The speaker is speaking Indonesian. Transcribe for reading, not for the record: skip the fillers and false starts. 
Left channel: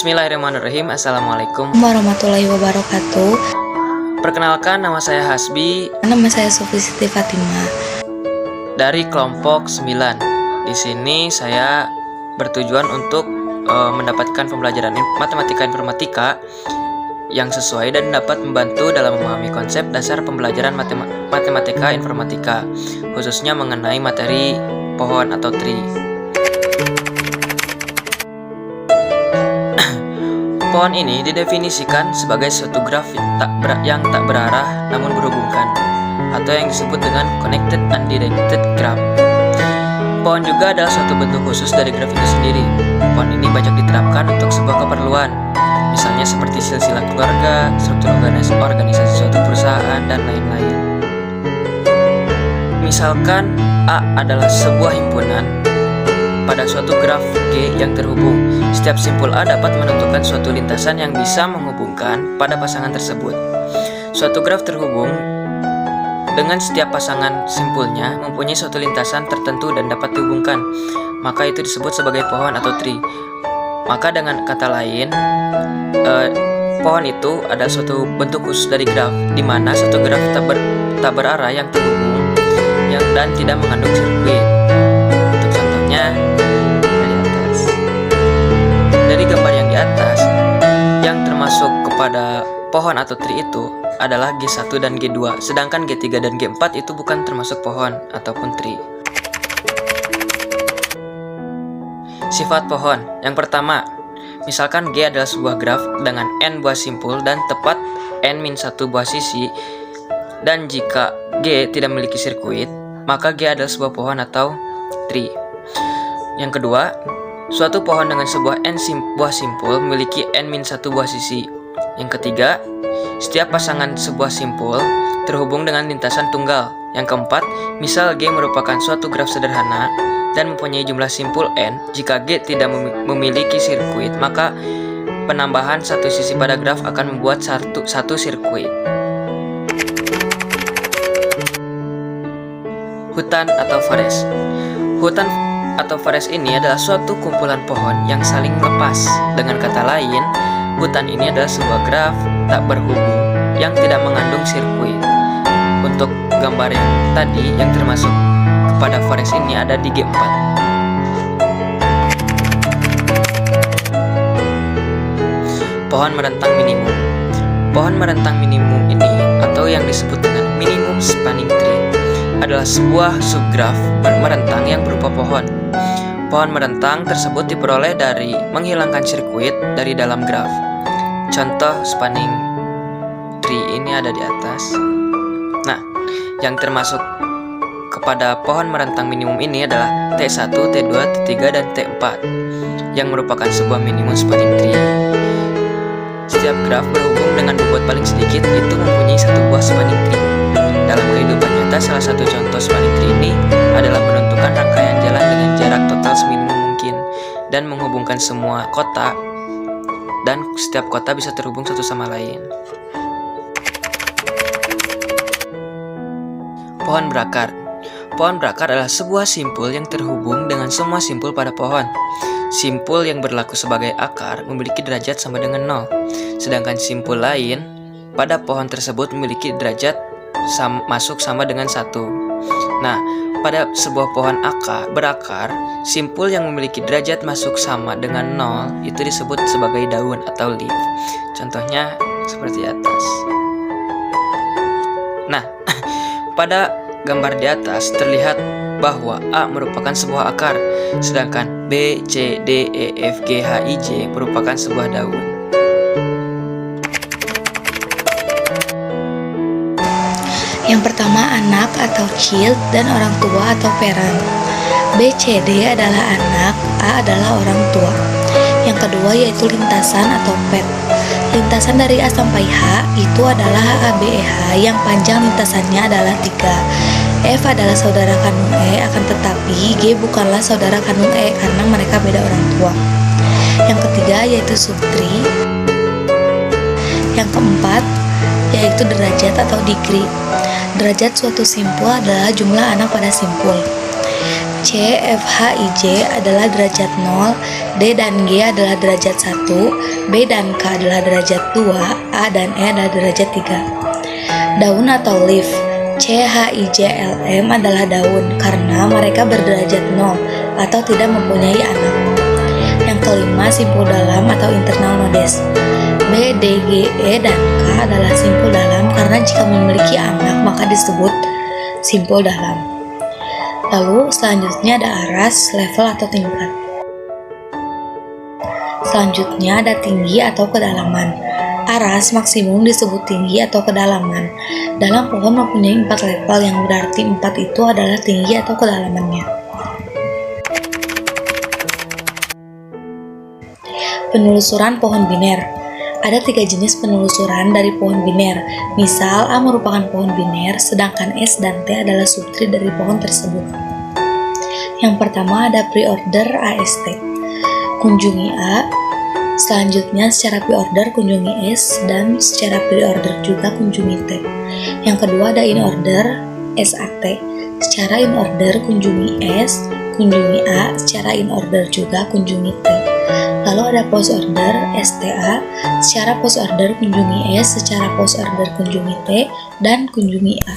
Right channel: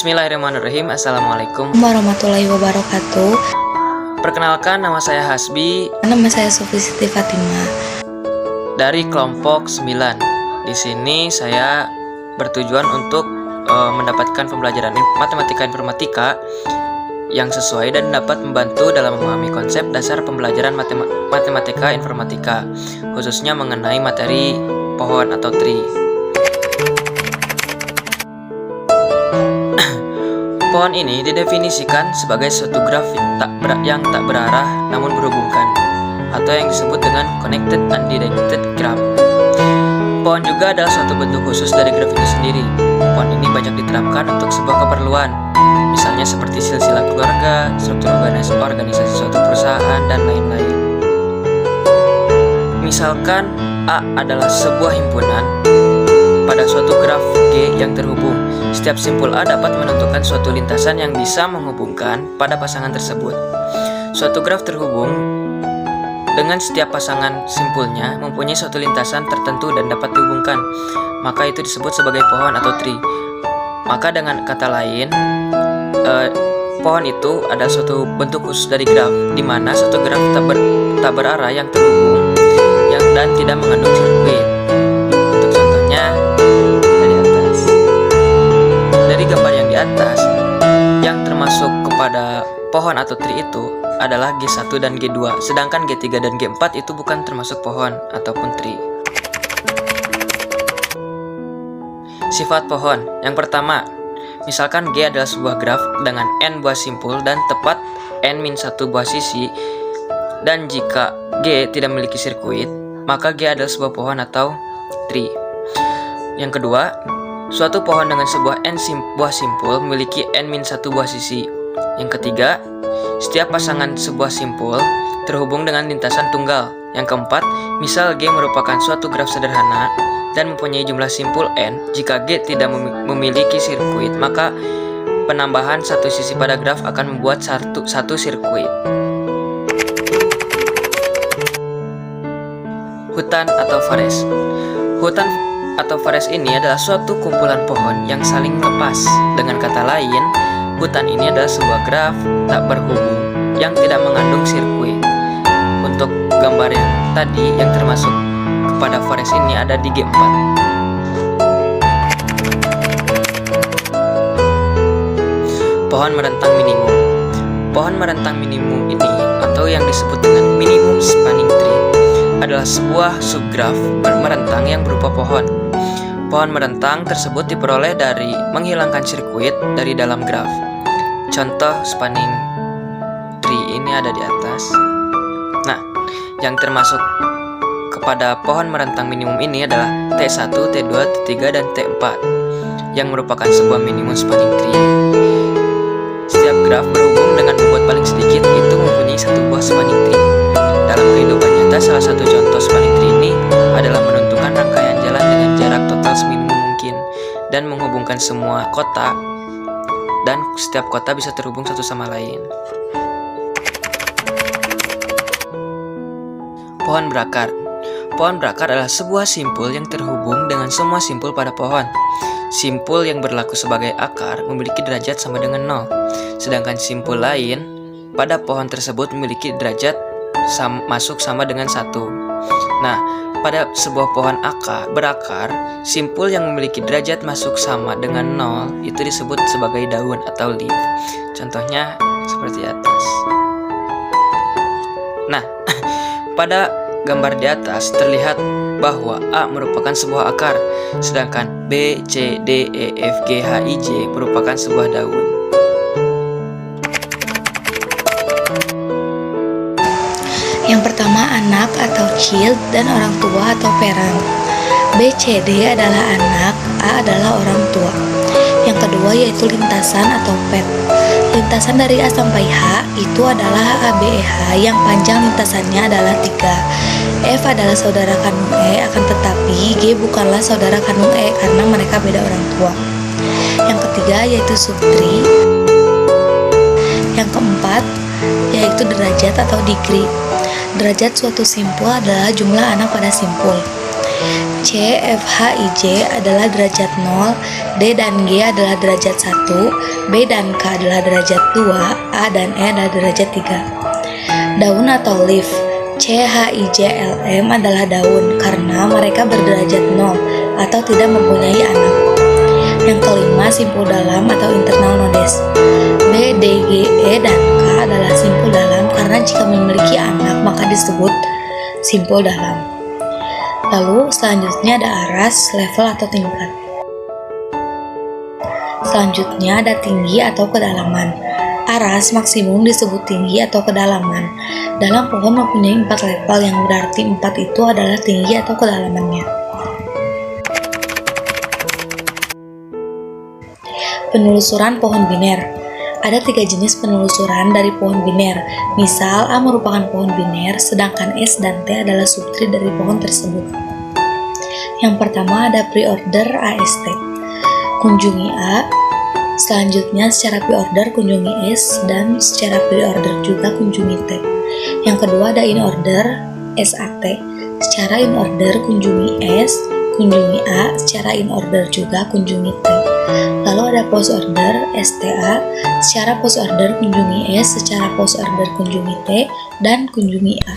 Bismillahirrahmanirrahim. Assalamualaikum warahmatullahi wabarakatuh. Perkenalkan, nama saya Hasbi. Nama saya Sufi Siti Fatimah Dari kelompok 9. Di sini saya bertujuan untuk mendapatkan pembelajaran matematika informatika yang sesuai dan dapat membantu dalam memahami konsep dasar pembelajaran matematika informatika, khususnya mengenai materi pohon atau tree. Pohon ini didefinisikan sebagai suatu graf yang tak berarah namun berhubungkan, atau yang disebut dengan connected undirected graph. Pohon juga adalah suatu bentuk khusus dari graf itu sendiri. Pohon ini banyak diterapkan untuk sebuah keperluan, misalnya seperti silsilah keluarga, struktur organisasi suatu perusahaan, dan lain-lain. Misalkan A adalah sebuah himpunan pada suatu graf G yang terhubung. Setiap simpul A dapat menentukan suatu lintasan yang bisa menghubungkan pada pasangan tersebut. Suatu graf terhubung dengan setiap pasangan simpulnya mempunyai suatu lintasan tertentu dan dapat dihubungkan, maka itu disebut sebagai pohon atau tree. Maka dengan kata lain, pohon itu adalah suatu bentuk khusus dari graf, di mana suatu graf tak berarah yang terhubung dan tidak mengandung sirkuit. Untuk contohnya dari gambar yang di atas, yang termasuk kepada pohon atau tree itu adalah G1 dan G2, sedangkan G3 dan G4 itu bukan termasuk pohon ataupun tree. Sifat pohon. Yang pertama, misalkan G adalah sebuah graf dengan n buah simpul dan tepat n-1 buah sisi, dan jika G tidak memiliki sirkuit, maka G adalah sebuah pohon atau tree. Yang kedua, suatu pohon dengan sebuah buah simpul memiliki n-1 buah sisi. Yang ketiga, setiap pasangan sebuah simpul terhubung dengan lintasan tunggal. Yang keempat, misal G merupakan suatu graf sederhana dan mempunyai jumlah simpul n. Jika G tidak memiliki sirkuit, maka penambahan satu sisi pada graf akan membuat satu sirkuit. Hutan atau forest. Hutan atau forest ini adalah suatu kumpulan pohon yang saling lepas. Dengan kata lain, hutan ini adalah sebuah graf tak berhubung yang tidak mengandung sirkuit. Untuk gambar yang tadi yang termasuk kepada forest ini ada di G4. Pohon merentang minimum. Pohon merentang minimum ini, atau yang disebut dengan minimum spanning tree, adalah sebuah subgraf merentang yang berupa pohon. Pohon merentang tersebut diperoleh dari menghilangkan sirkuit dari dalam graf. Contoh spanning tree ini ada di atas. Nah, yang termasuk kepada pohon merentang minimum ini adalah T1, T2, T3, dan T4 yang merupakan sebuah minimum spanning tree. Setiap graf berhubung dengan bobot paling sedikit itu mempunyai satu buah spanning tree. Dalam kehidupan nyata, salah satu contoh spanning tree ini adalah menentukan rangkaian jalan dengan jarak total seminimum mungkin dan menghubungkan semua kota, dan setiap kota bisa terhubung satu sama lain. Pohon berakar. Pohon berakar adalah sebuah simpul yang terhubung dengan semua simpul pada pohon. Simpul yang berlaku sebagai akar memiliki derajat sama dengan 0, sedangkan simpul lain pada pohon tersebut memiliki derajat masuk sama dengan 1. Nah, pada sebuah pohon berakar, simpul yang memiliki derajat masuk sama dengan 0 itu disebut sebagai daun atau leaf. Contohnya seperti atas. Nah, pada gambar di atas terlihat bahwa A merupakan sebuah akar, sedangkan B, C, D, E, F, G, H, I, J merupakan sebuah daun. Yang pertama, anak atau child, dan orang tua atau parent. B, C, D adalah anak, A adalah orang tua. Yang kedua yaitu lintasan atau pet. Lintasan dari A sampai H itu adalah A, B, E, H yang panjang lintasannya adalah 3. F adalah saudara kandung E, akan tetapi G bukanlah saudara kandung E karena mereka beda orang tua. Yang ketiga yaitu subtree. Yang keempat yaitu derajat atau degree. Derajat suatu simpul adalah jumlah anak pada simpul. C, F, H, I, J adalah derajat 0, D dan G adalah derajat 1, B dan K adalah derajat 2, A dan E adalah derajat 3. Daun atau leaf, C, H, I, J, L, M adalah daun karena mereka berderajat 0 atau tidak mempunyai anak. Yang kelima, simpul dalam atau internal nodes. B, D, G, E, dan K adalah simpul dalam karena jika memiliki anak maka disebut simpul dalam. Lalu selanjutnya ada aras, level atau tingkat. Selanjutnya ada tinggi atau kedalaman. Aras maksimum disebut tinggi atau kedalaman. Dalam pohon mempunyai 4 level yang berarti 4 itu adalah tinggi atau kedalamannya. Penelusuran pohon biner. Ada 3 jenis penelusuran dari pohon biner. Misal A merupakan pohon biner, sedangkan S dan T adalah subtree dari pohon tersebut. Yang pertama ada preorder AST. Kunjungi A, selanjutnya secara preorder kunjungi S, dan secara preorder juga kunjungi T. Yang kedua ada inorder SAT. Secara inorder kunjungi S, kunjungi A, secara inorder juga kunjungi T. Lalu ada postorder STA, secara postorder kunjungi S, secara postorder kunjungi T, dan kunjungi A.